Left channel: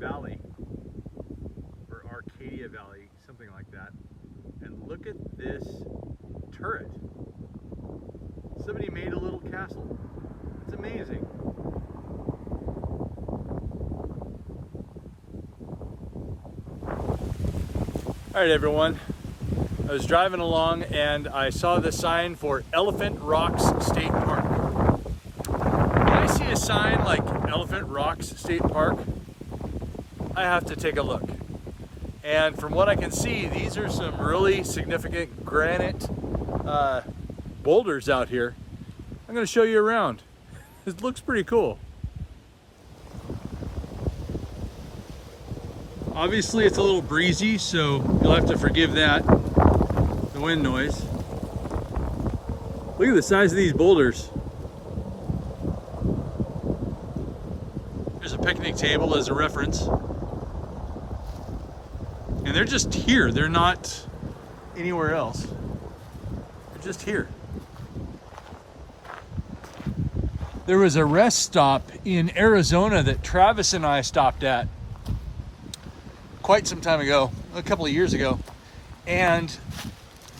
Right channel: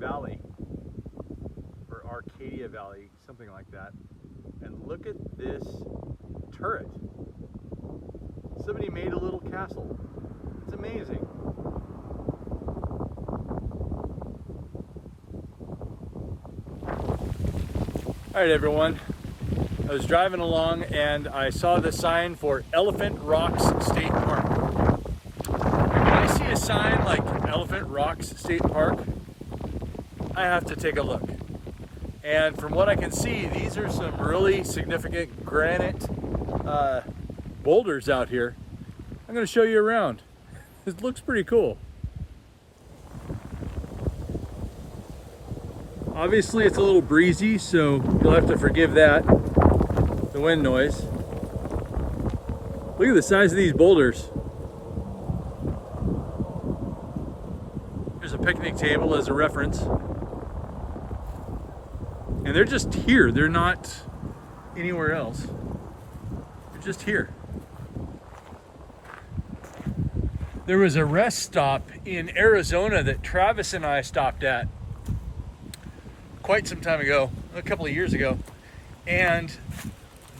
Valley, or Arcadia Valley, something like that. And look at this turret. Somebody made a little castle. It's amazing. All right, everyone. I was driving along and I saw the sign for Elephant Rocks State Park. When I see a sign like Elephant Rocks State Park, I have to take a look. And from what I can see, these are some really significant granite boulders out here. I'm going to show you around. It looks pretty cool. Obviously it's a little breezy, so you'll have to forgive that, the wind noise. Look at the size of these boulders. There's a picnic table as a reference. And they're just here, they're not anywhere else. They're just here. There was a rest stop in Arizona that Travis and I stopped at quite some time ago, a couple of years ago, and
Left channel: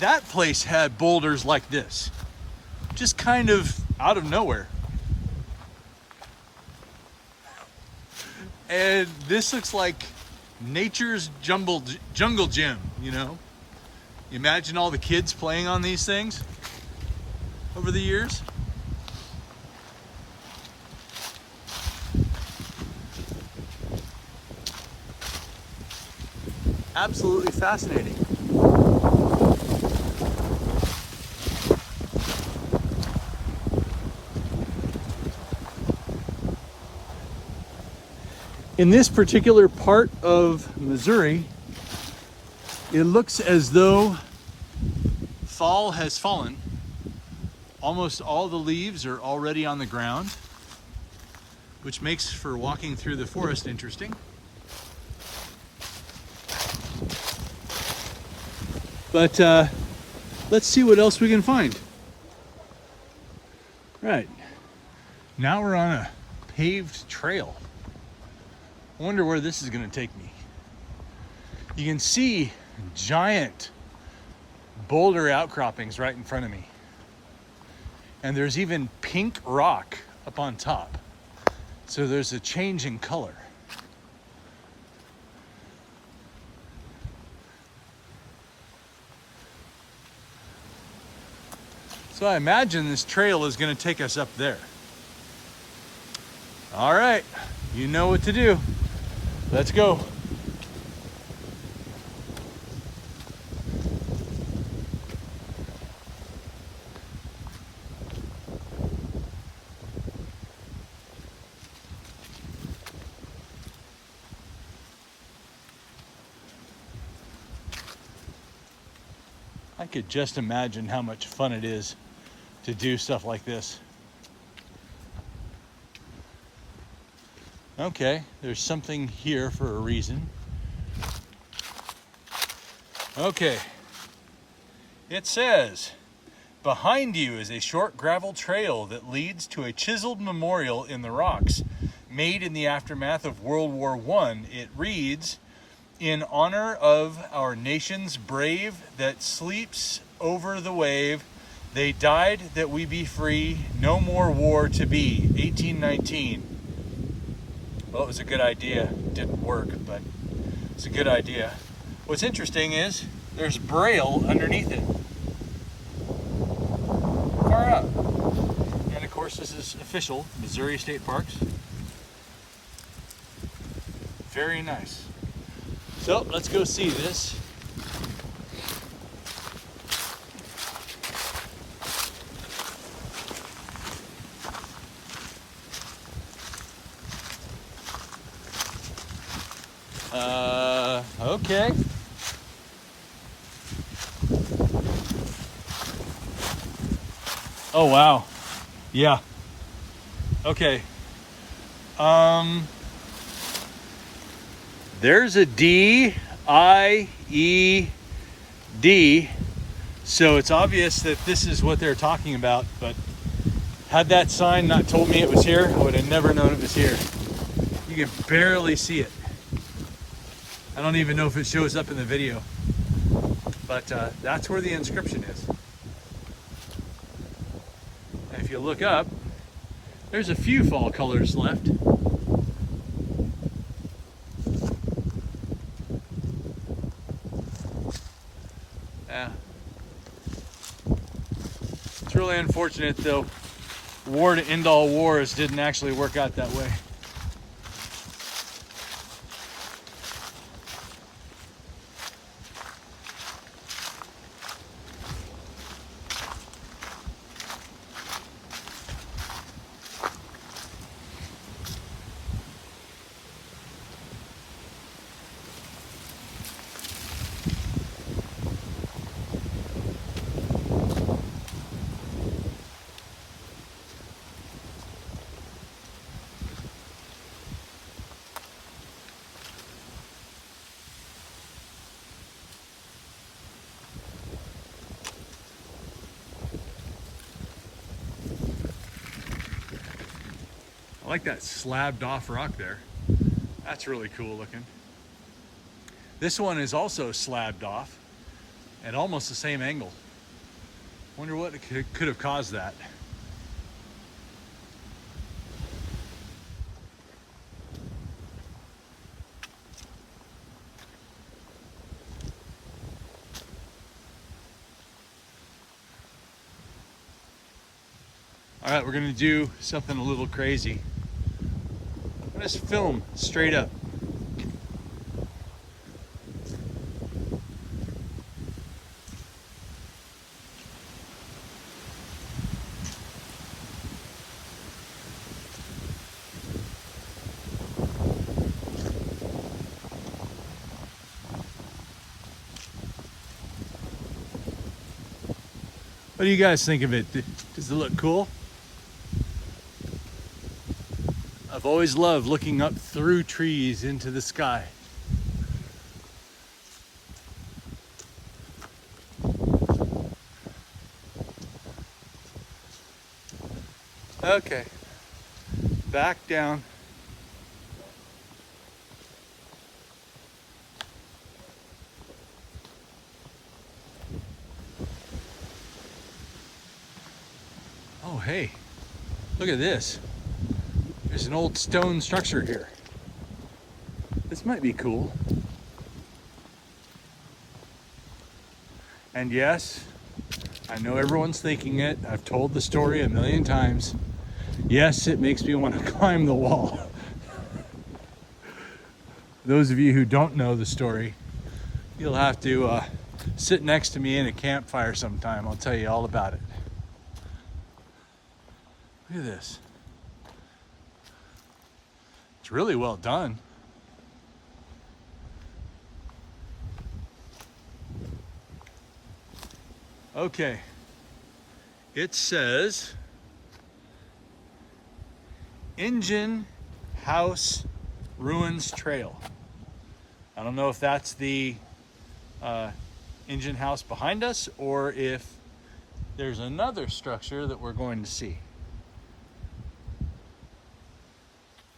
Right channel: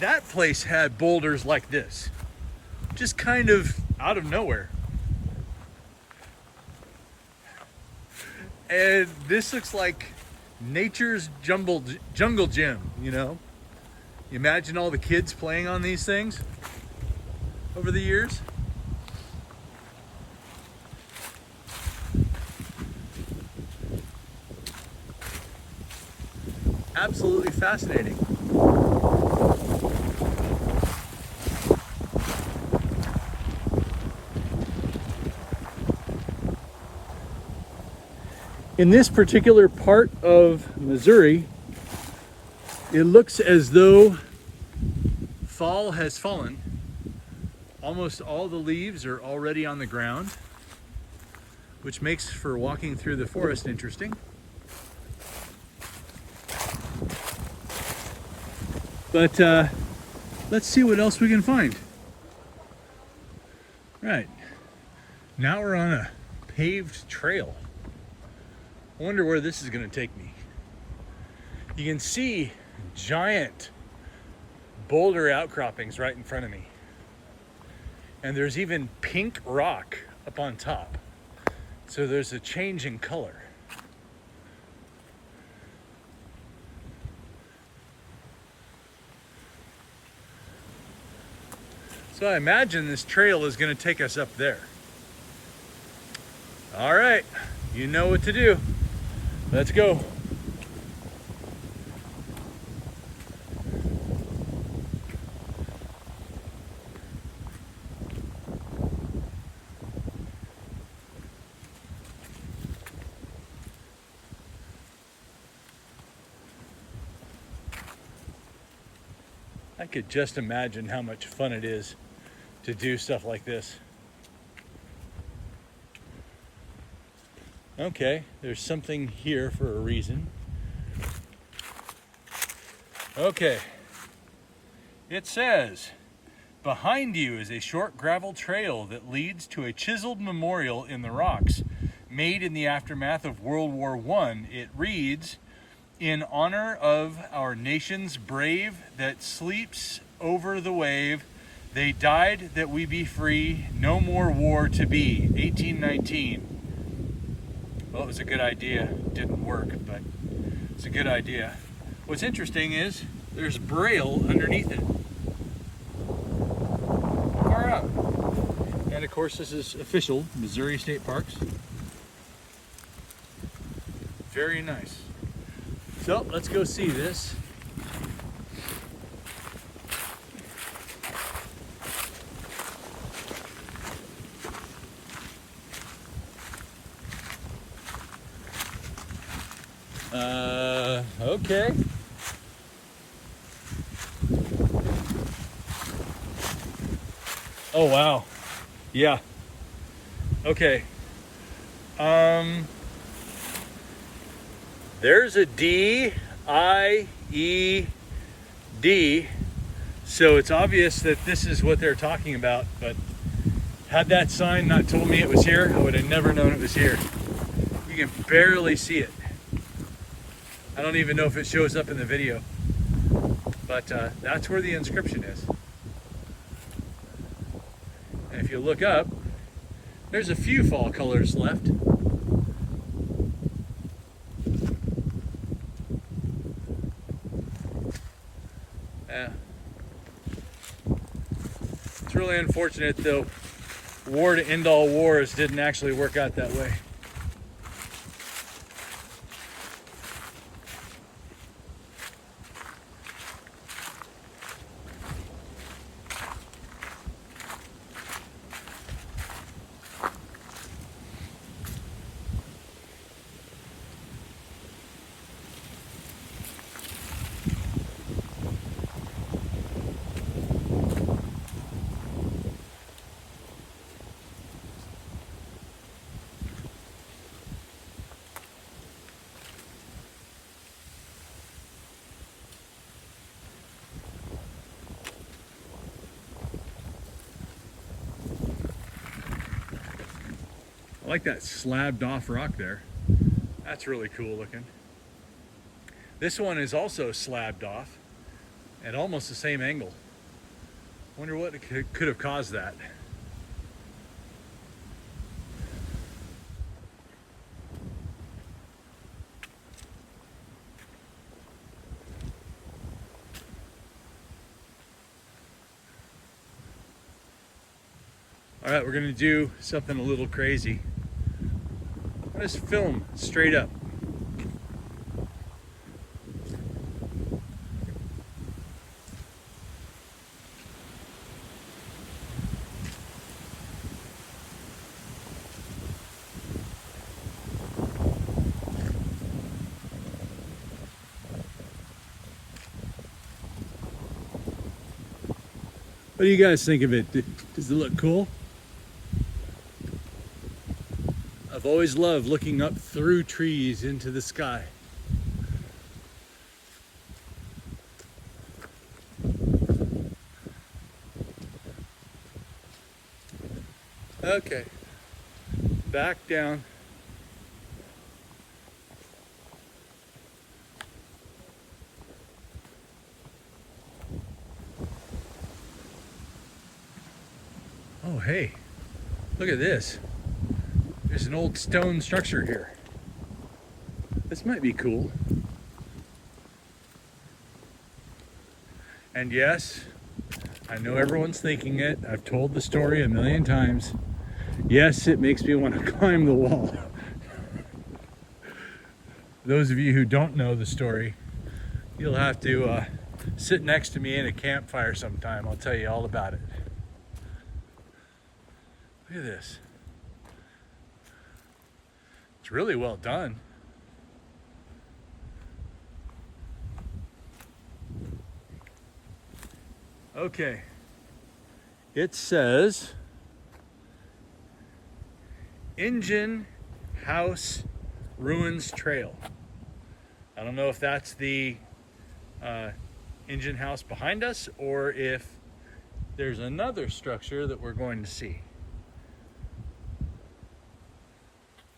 that place had boulders like this, just kind of out of nowhere. And this looks like nature's jungle gym, you know? You imagine all the kids playing on these things over the years. Absolutely fascinating. In this particular part of Missouri, it looks as though fall has fallen. Almost all the leaves are already on the ground, which makes for walking through the forest interesting. But let's see what else we can find. Right, now we're on a paved trail. I wonder where this is going to take me. You can see giant boulder outcroppings right in front of me. And there's even pink rock up on top. So there's a change in color. So I imagine this trail is going to take us up there. All right, you know what to do. Let's go. I could just imagine how much fun it is to do stuff like this. Okay, there's something here for a reason. Okay, it says, behind you is a short gravel trail that leads to a chiseled memorial in the rocks made in the aftermath of World War I. It reads, in honor of our nation's brave that sleeps over the wave, they died that we be free, no more war to be. 1819. Well, it was a good idea. It didn't work, but it's a good idea. What's interesting is there's Braille underneath it. Far out. And of course, this is official Missouri State Parks. Very nice. So let's go see this. Okay. Oh wow. Yeah. Okay. There's a D-I-E-D, so it's obvious that this is what they're talking about, but had that sign not told me it was here, I would have never known it was here. You can barely see it. I don't even know if it shows up in the video, but that's where the inscription is. And if you look up, there's a few fall colors left. Yeah. It's really unfortunate though, war to end all wars didn't actually work out that way. I like that slabbed off rock there. That's really cool looking. This one is also slabbed off at almost the same angle. Wonder what could have caused that. All right, we're gonna do something a little crazy. Just film straight up. What do you guys think of it? Does it look cool? I've always loved looking up through trees into the sky. Okay, back down. Oh, hey, look at this. There's an old stone structure here. This might be cool. And yes, I know everyone's thinking it. I've told the story a million times. Yes, it makes me want to climb the wall. Those of you who don't know the story, you'll have to sit next to me in a campfire sometime. I'll tell you all about it. Look at this. It's really well done. Okay. It says Engine House Ruins Trail. I don't know if that's the engine house behind us or if there's another structure that we're going to see.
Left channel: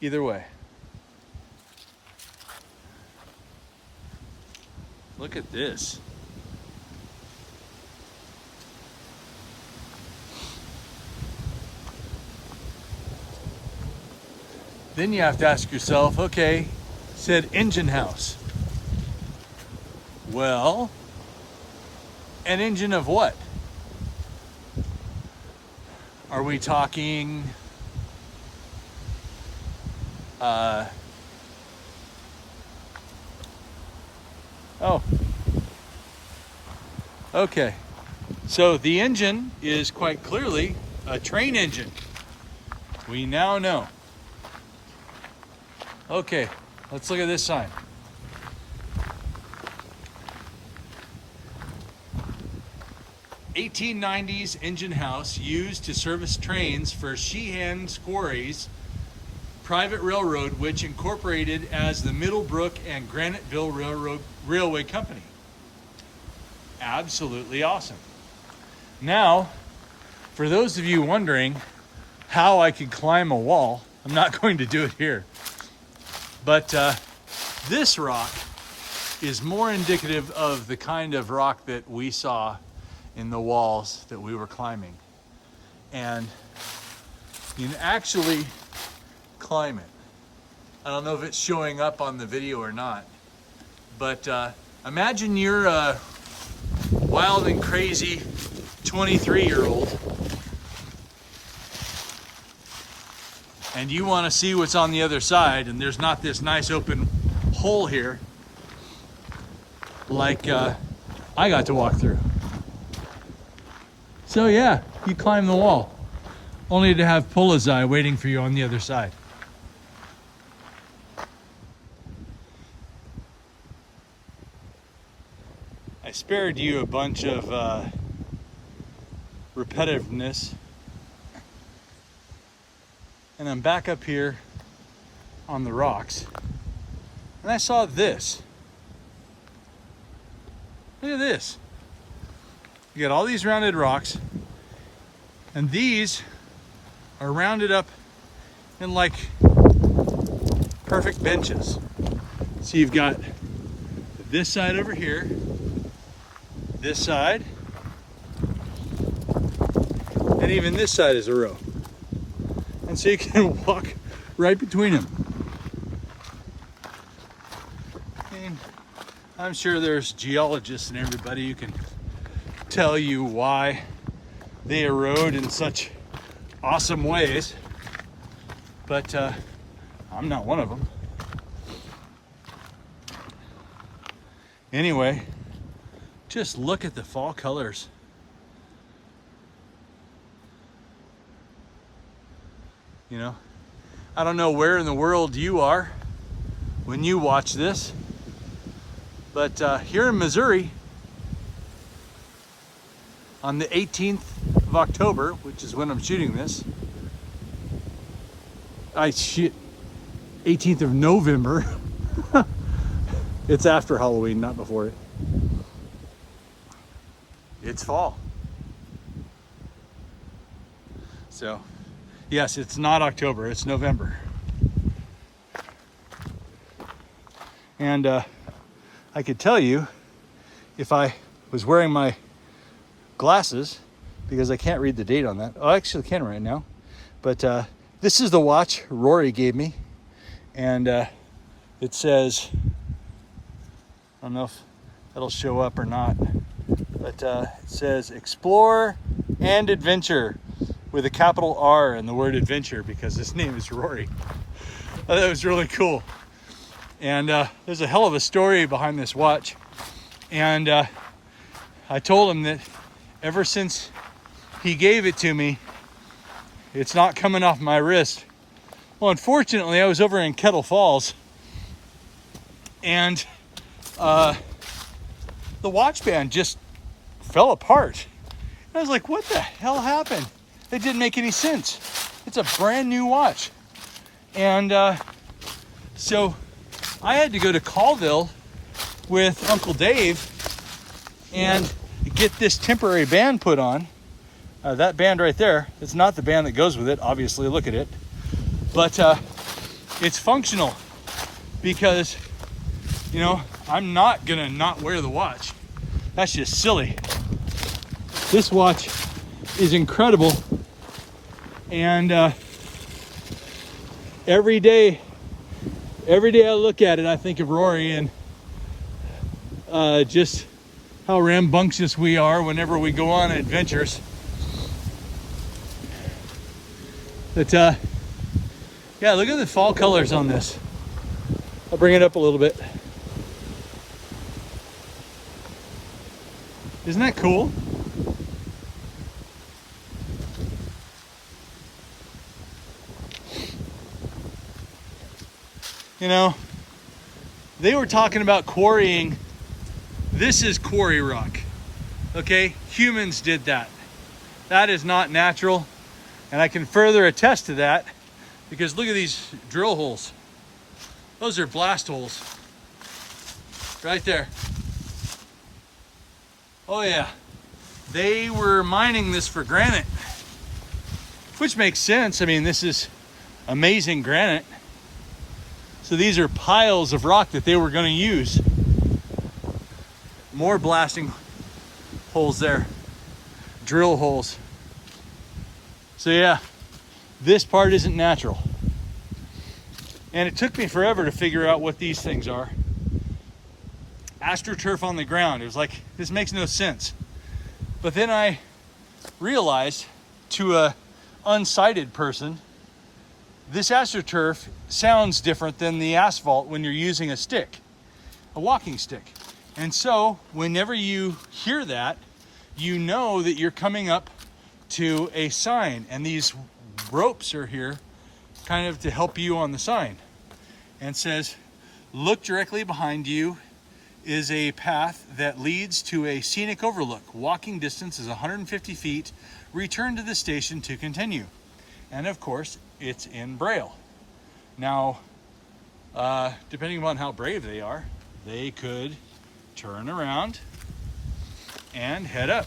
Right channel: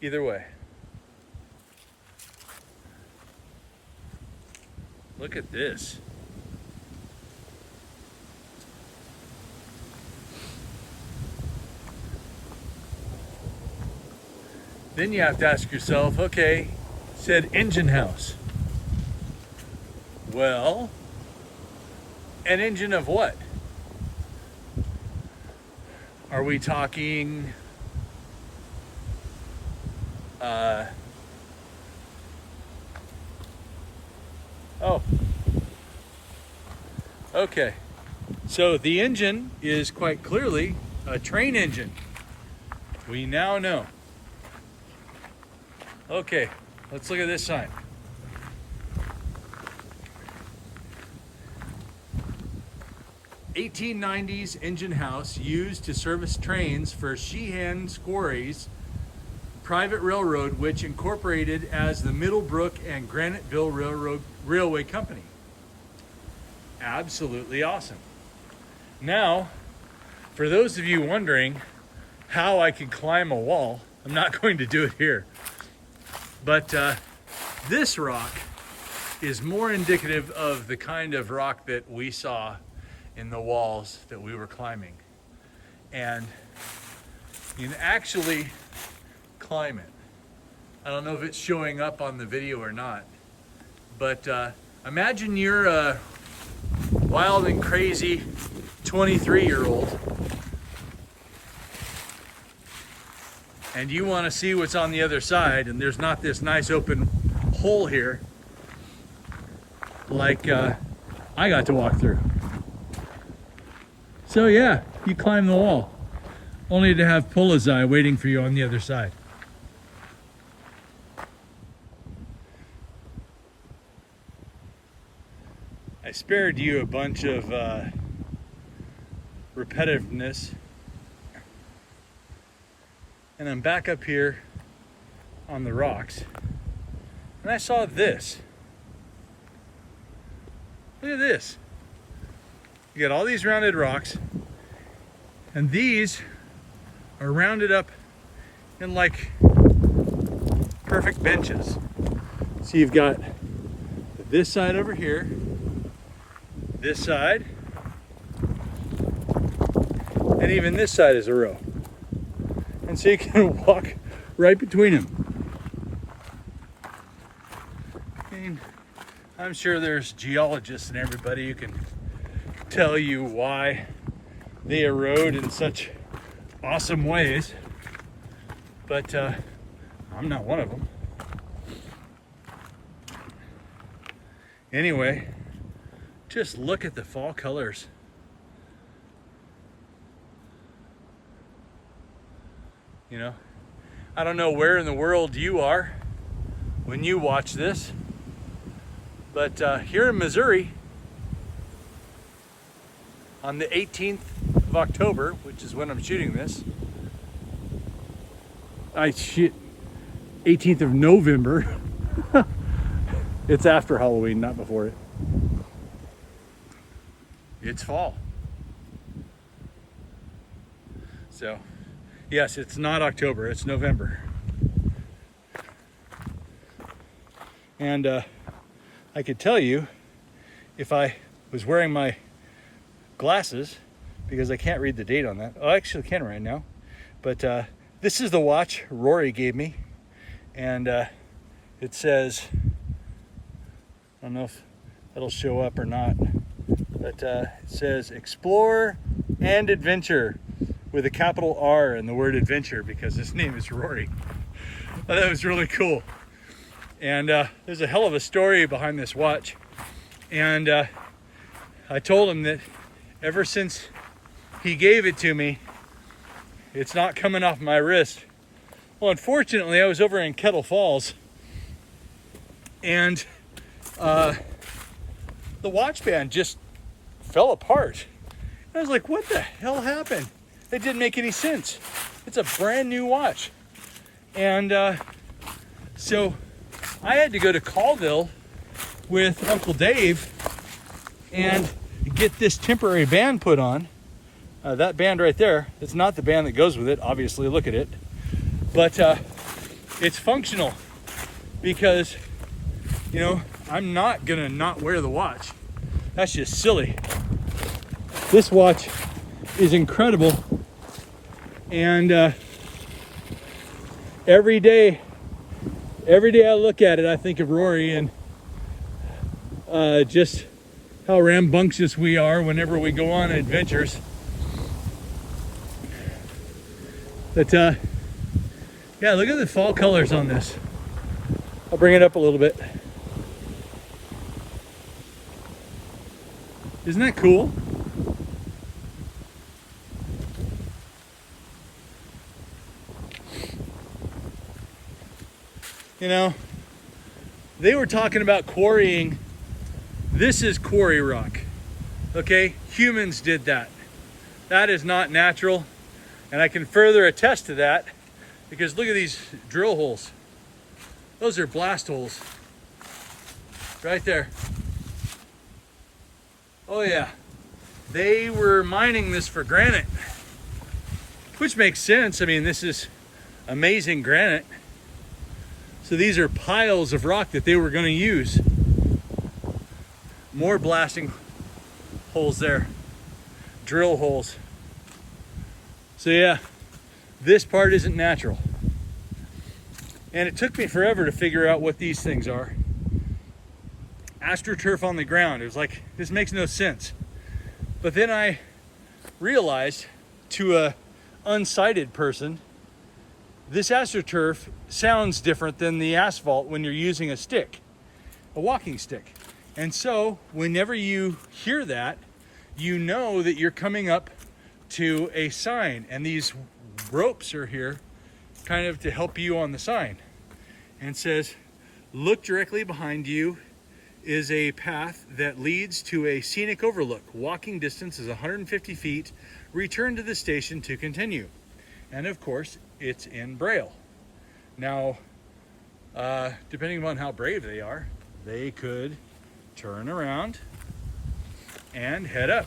Either way. Look at this. Then you have to ask yourself, okay, said engine house. Well, an engine of what? Are we talking oh, okay. So the engine is quite clearly a train engine. We now know. Okay, let's look at this sign. "1890s engine house used to service trains for Sheehan Quarries Private Railroad, which incorporated as the Middlebrook and Graniteville Railway Company." Absolutely awesome. Now, for those of you wondering how I can climb a wall, I'm not going to do it here. But this rock is more indicative of the kind of rock that we saw in the walls that we were climbing. And you can actually climb it. I don't know if it's showing up on the video or not, but imagine you're a wild and crazy 23-year-old and you want to see what's on the other side, and there's not this nice open hole here like I got to walk through. So yeah, you climb the wall, only to have Polizei waiting for you on the other side. I spared you a bunch of repetitiveness, and I'm back up here on the rocks, and I saw this. Look at this. You got all these rounded rocks, and these are rounded up in like perfect benches. So you've got this side over here, this side, and even this side is a row. And so you can walk right between them. And I'm sure there's geologists and everybody who can tell you why they erode in such awesome ways, but I'm not one of them. Anyway, just look at the fall colors. You know, I don't know where in the world you are when you watch this, but here in Missouri, on the 18th of October, which is when I'm shooting this, 18th of November. It's after Halloween, not before it. It's fall. So, yes, it's not October, it's November. And I could tell you if I was wearing my glasses, because I can't read the date on that. Oh, I actually can right now. But this is the watch Rory gave me. And it says, I don't know if that'll show up or not, but it says Explore and Adventure with a capital R and the word adventure, because his name is Rory. That was really cool. And there's a hell of a story behind this watch. And I told him that ever since he gave it to me, it's not coming off my wrist. Well, unfortunately, I was over in Kettle Falls, and the watch band just fell apart. I was like, what the hell happened? It didn't make any sense. It's a brand new watch. And so I had to go to Colville with Uncle Dave and get this temporary band put on. That band right there, it's not the band that goes with it, obviously, look at it. But it's functional because, you know, I'm not gonna not wear the watch. That's just silly. This watch is incredible. And every day I look at it, I think of Rory and just how rambunctious we are whenever we go on adventures. But yeah, look at the fall colors on this. I'll bring it up a little bit. Isn't that cool? You know, they were talking about quarrying. This is quarry rock, okay? Humans did that. That is not natural, and I can further attest to that because look at these drill holes. Those are blast holes, right there. Oh yeah, they were mining this for granite, which makes sense. I mean, this is amazing granite. So these are piles of rock that they were going to use More blasting holes there, drill holes. So yeah, this part isn't natural. And it took me forever to figure out what these things are. AstroTurf on the ground. It was like, this makes no sense. But then I realized, to a unsighted person, this AstroTurf sounds different than the asphalt when you're using a stick, a walking stick. And so whenever you hear that, you know that you're coming up to a sign, and these ropes are here kind of to help you on the sign. And says, look directly behind you is a path that leads to a scenic overlook. Walking distance is 150 feet. Return to the station to continue. And of course, it's in Braille. Now, depending upon how brave they are, they could turn around and head up,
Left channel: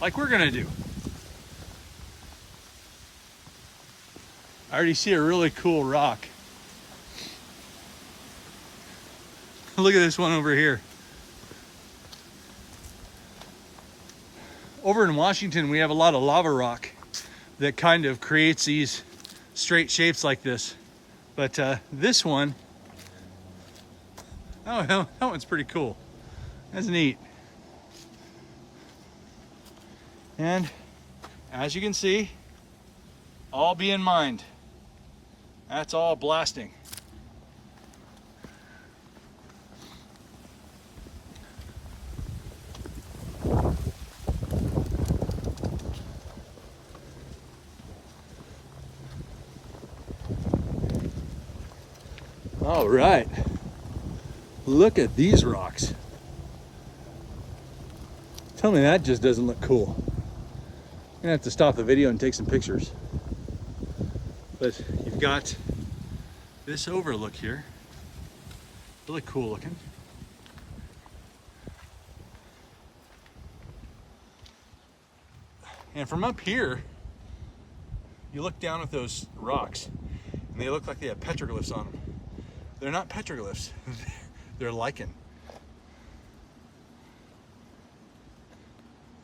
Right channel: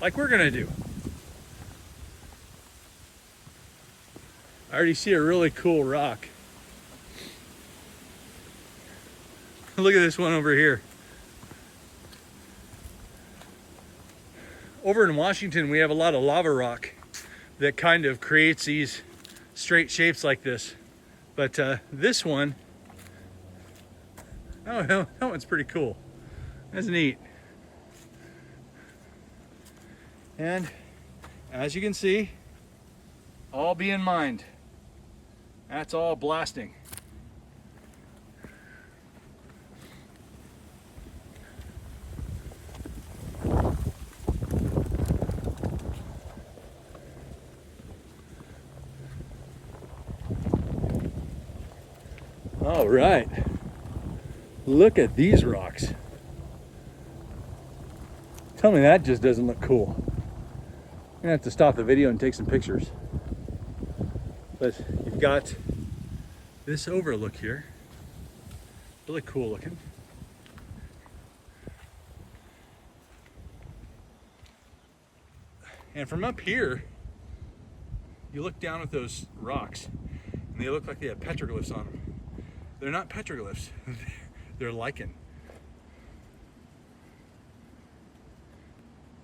like we're gonna do. I already see a really cool rock. Look at this one over here. Over in Washington, we have a lot of lava rock that kind of creates these straight shapes like this. But this one, oh, that one's pretty cool. That's neat. And as you can see, all be in mind, that's all blasting. All right, look at these rocks. Tell me that just doesn't look cool. I'm gonna have to stop the video and take some pictures. But you've got this overlook here, really cool looking. And from up here, you look down at those rocks and they look like they have petroglyphs on them. They're not petroglyphs, they're lichen.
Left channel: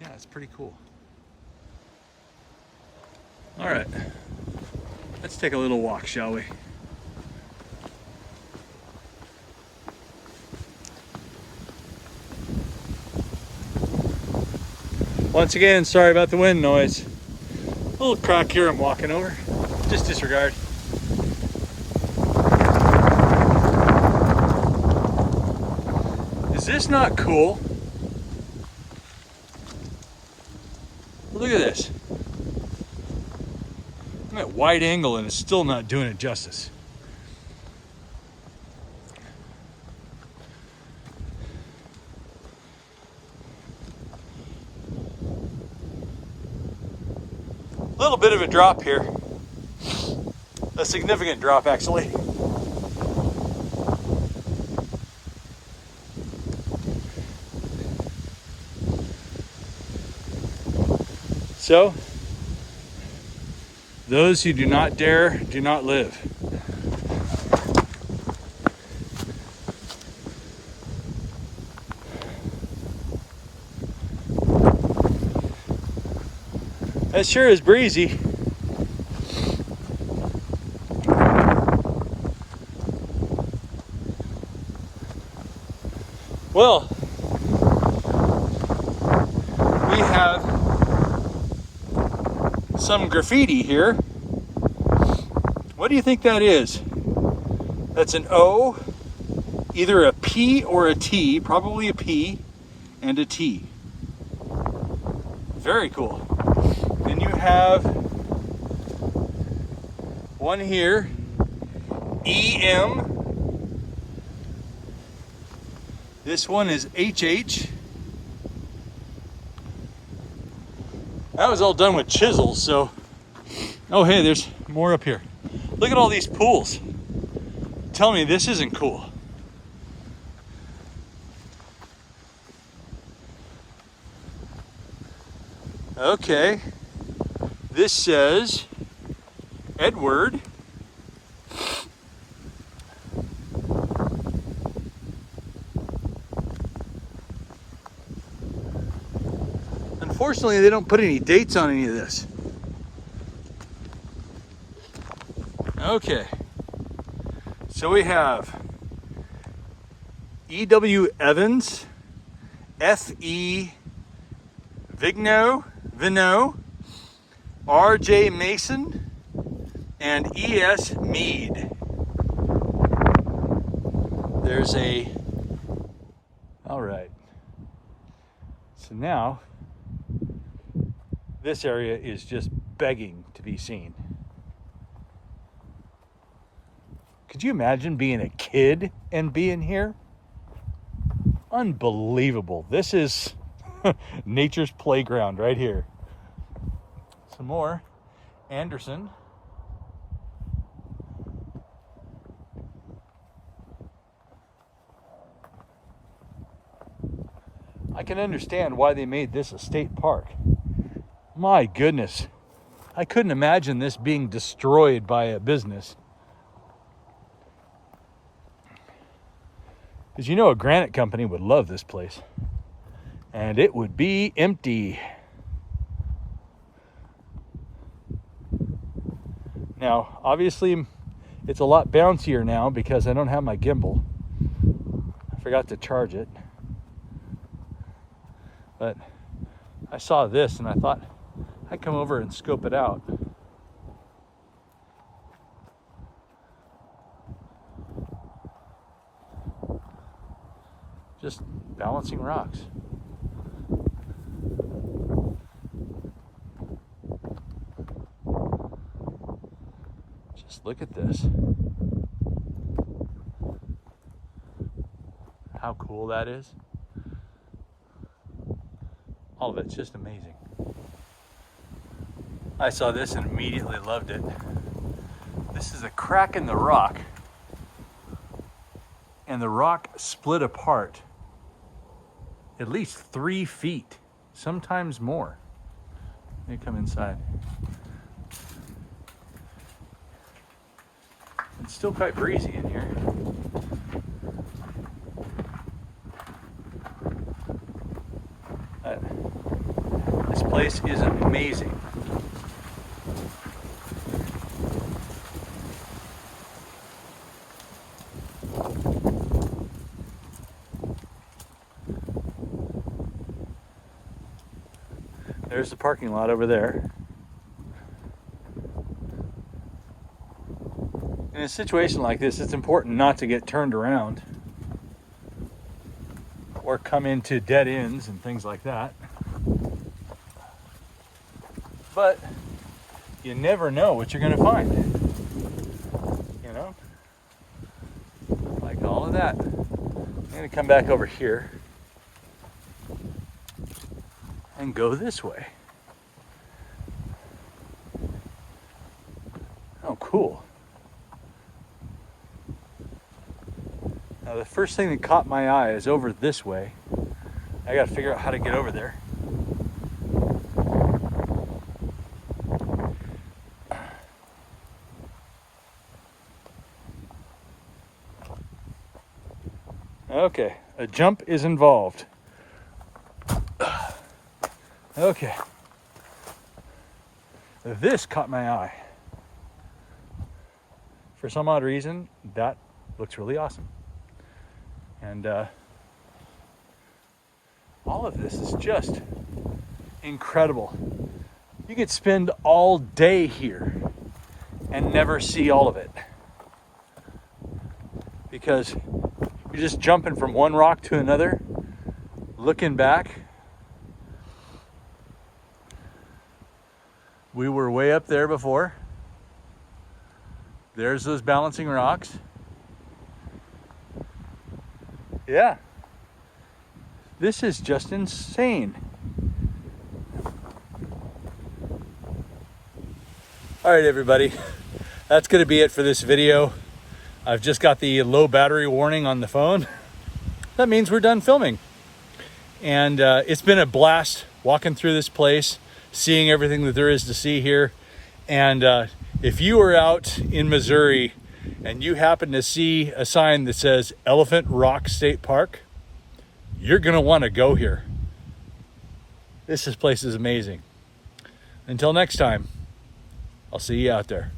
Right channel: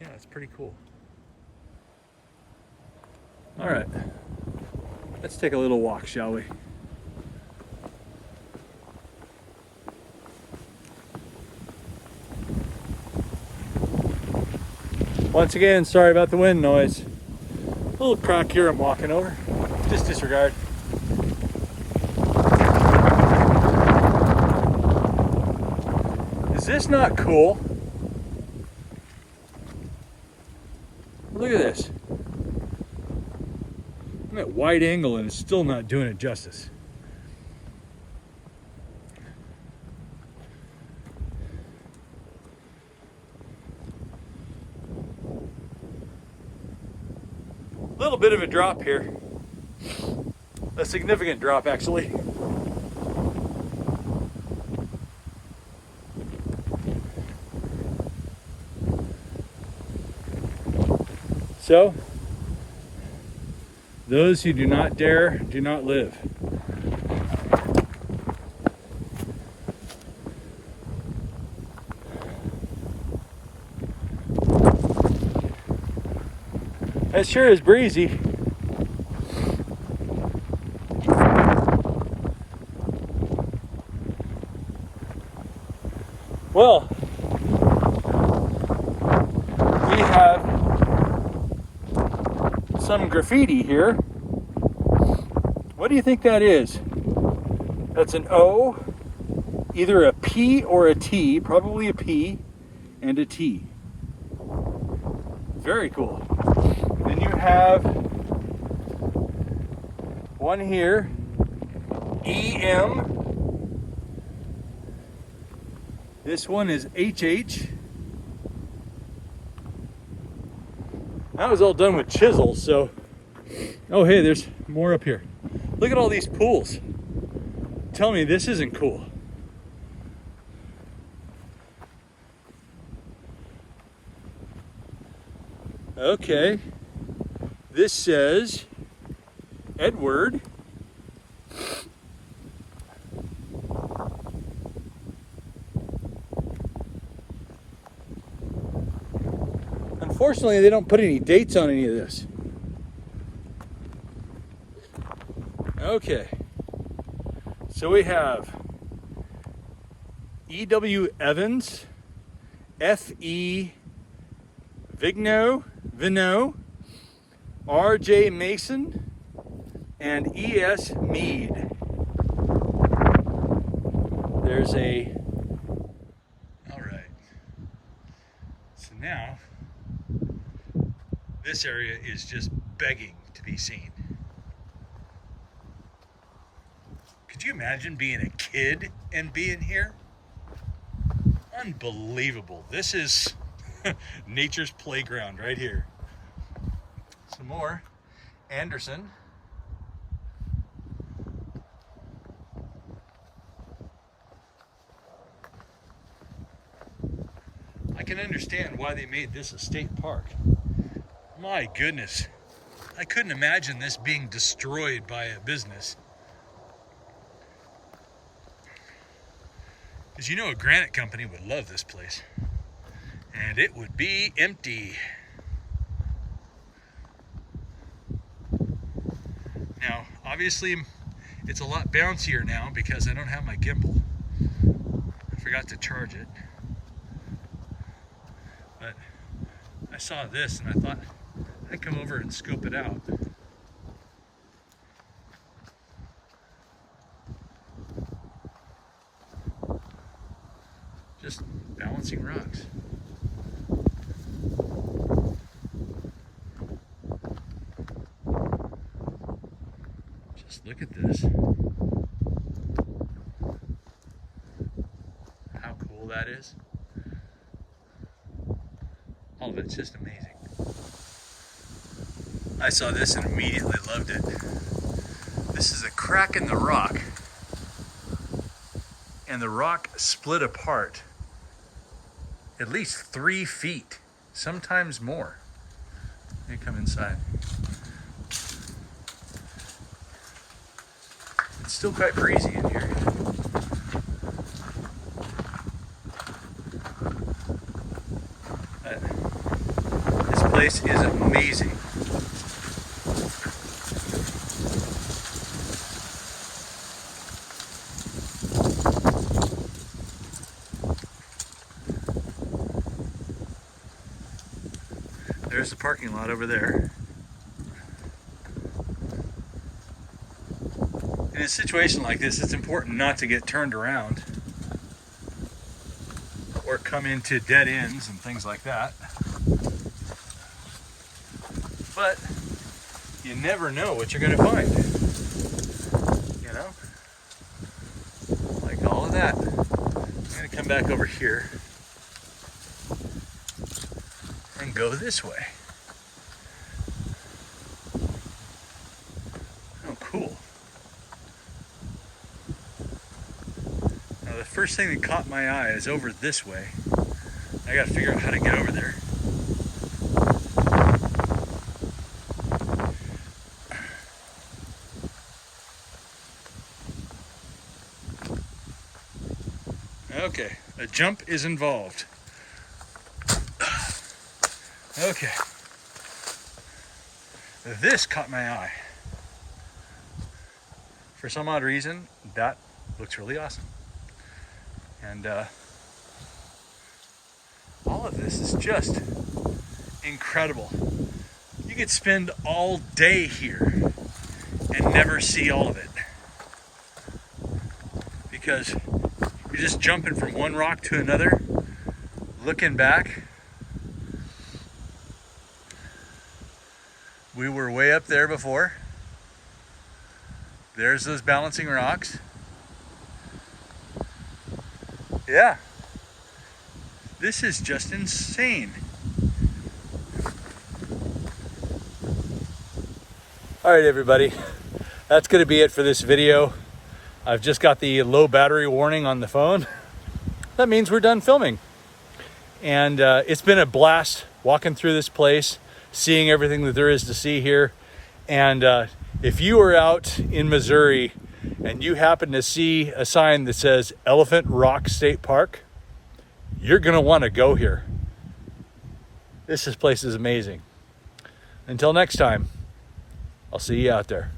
Yeah, it's pretty cool. All right, let's take a little walk, shall we? Once again, sorry about the wind noise. A little crack here I'm walking over, just disregard. Is this not cool? Look at this. I'm at wide angle and it's still not doing it justice. A little bit of a drop here. A significant drop, actually. So, those who do not dare, do not live. That sure is breezy. Well, we have some graffiti here. What do you think that is? That's an O, either a P or a T, probably a P and a T. Very cool. Then you have one here, EM. This one is HH. That was all done with chisels, so. Oh, hey, there's more up here. Look at all these pools. Tell me this isn't cool. Okay. This says Edward. Unfortunately, they don't put any dates on any of this. Okay. So we have E.W. Evans, F.E. Vigneault, R.J. Mason, and E.S. Mead. There's a... All right. So now, this area is just begging to be seen. Could you imagine being a kid and being here? Unbelievable. This is nature's playground right here. Some more Anderson. I can understand why they made this a state park. My goodness. I couldn't imagine this being destroyed by a business. Because you know a granite company would love this place. And it would be empty. Now, obviously, it's a lot bouncier now because I don't have my gimbal. I forgot to charge it. But I saw this and I thought I'd come over and scope it out. Just balancing rocks. Just look at this. How cool that is. All of it's just amazing. I saw this and immediately loved it. This is a crack in the rock. And the rock split apart at least 3 feet, sometimes more. Let me come inside. It's still quite breezy in here. This place is amazing. There's the parking lot over there. In a situation like this, it's important not to get turned around or come into dead ends and things like that. But you never know what you're going to find. You know? Like all of that. I'm going to come back over here and go this way. Oh, cool. Now the first thing that caught my eye is over this way. I gotta figure out how to get over there. Okay, a jump is involved. Okay. This caught my eye. For some odd reason, that looks really awesome. And all of this is just incredible. You could spend all day here and never see all of it. Because you're just jumping from one rock to another, looking back. We were way up there before. There's those balancing rocks. Yeah. This is just insane. All right, everybody. That's going to be it for this video. I've just got the low battery warning on the phone. That means we're done filming. And it's been a blast walking through this place, seeing everything that there is to see here. And if you are out in Missouri and you happen to see a sign that says Elephant Rock State Park, you're going to want to go here. This place is amazing. Until next time, I'll see you out there.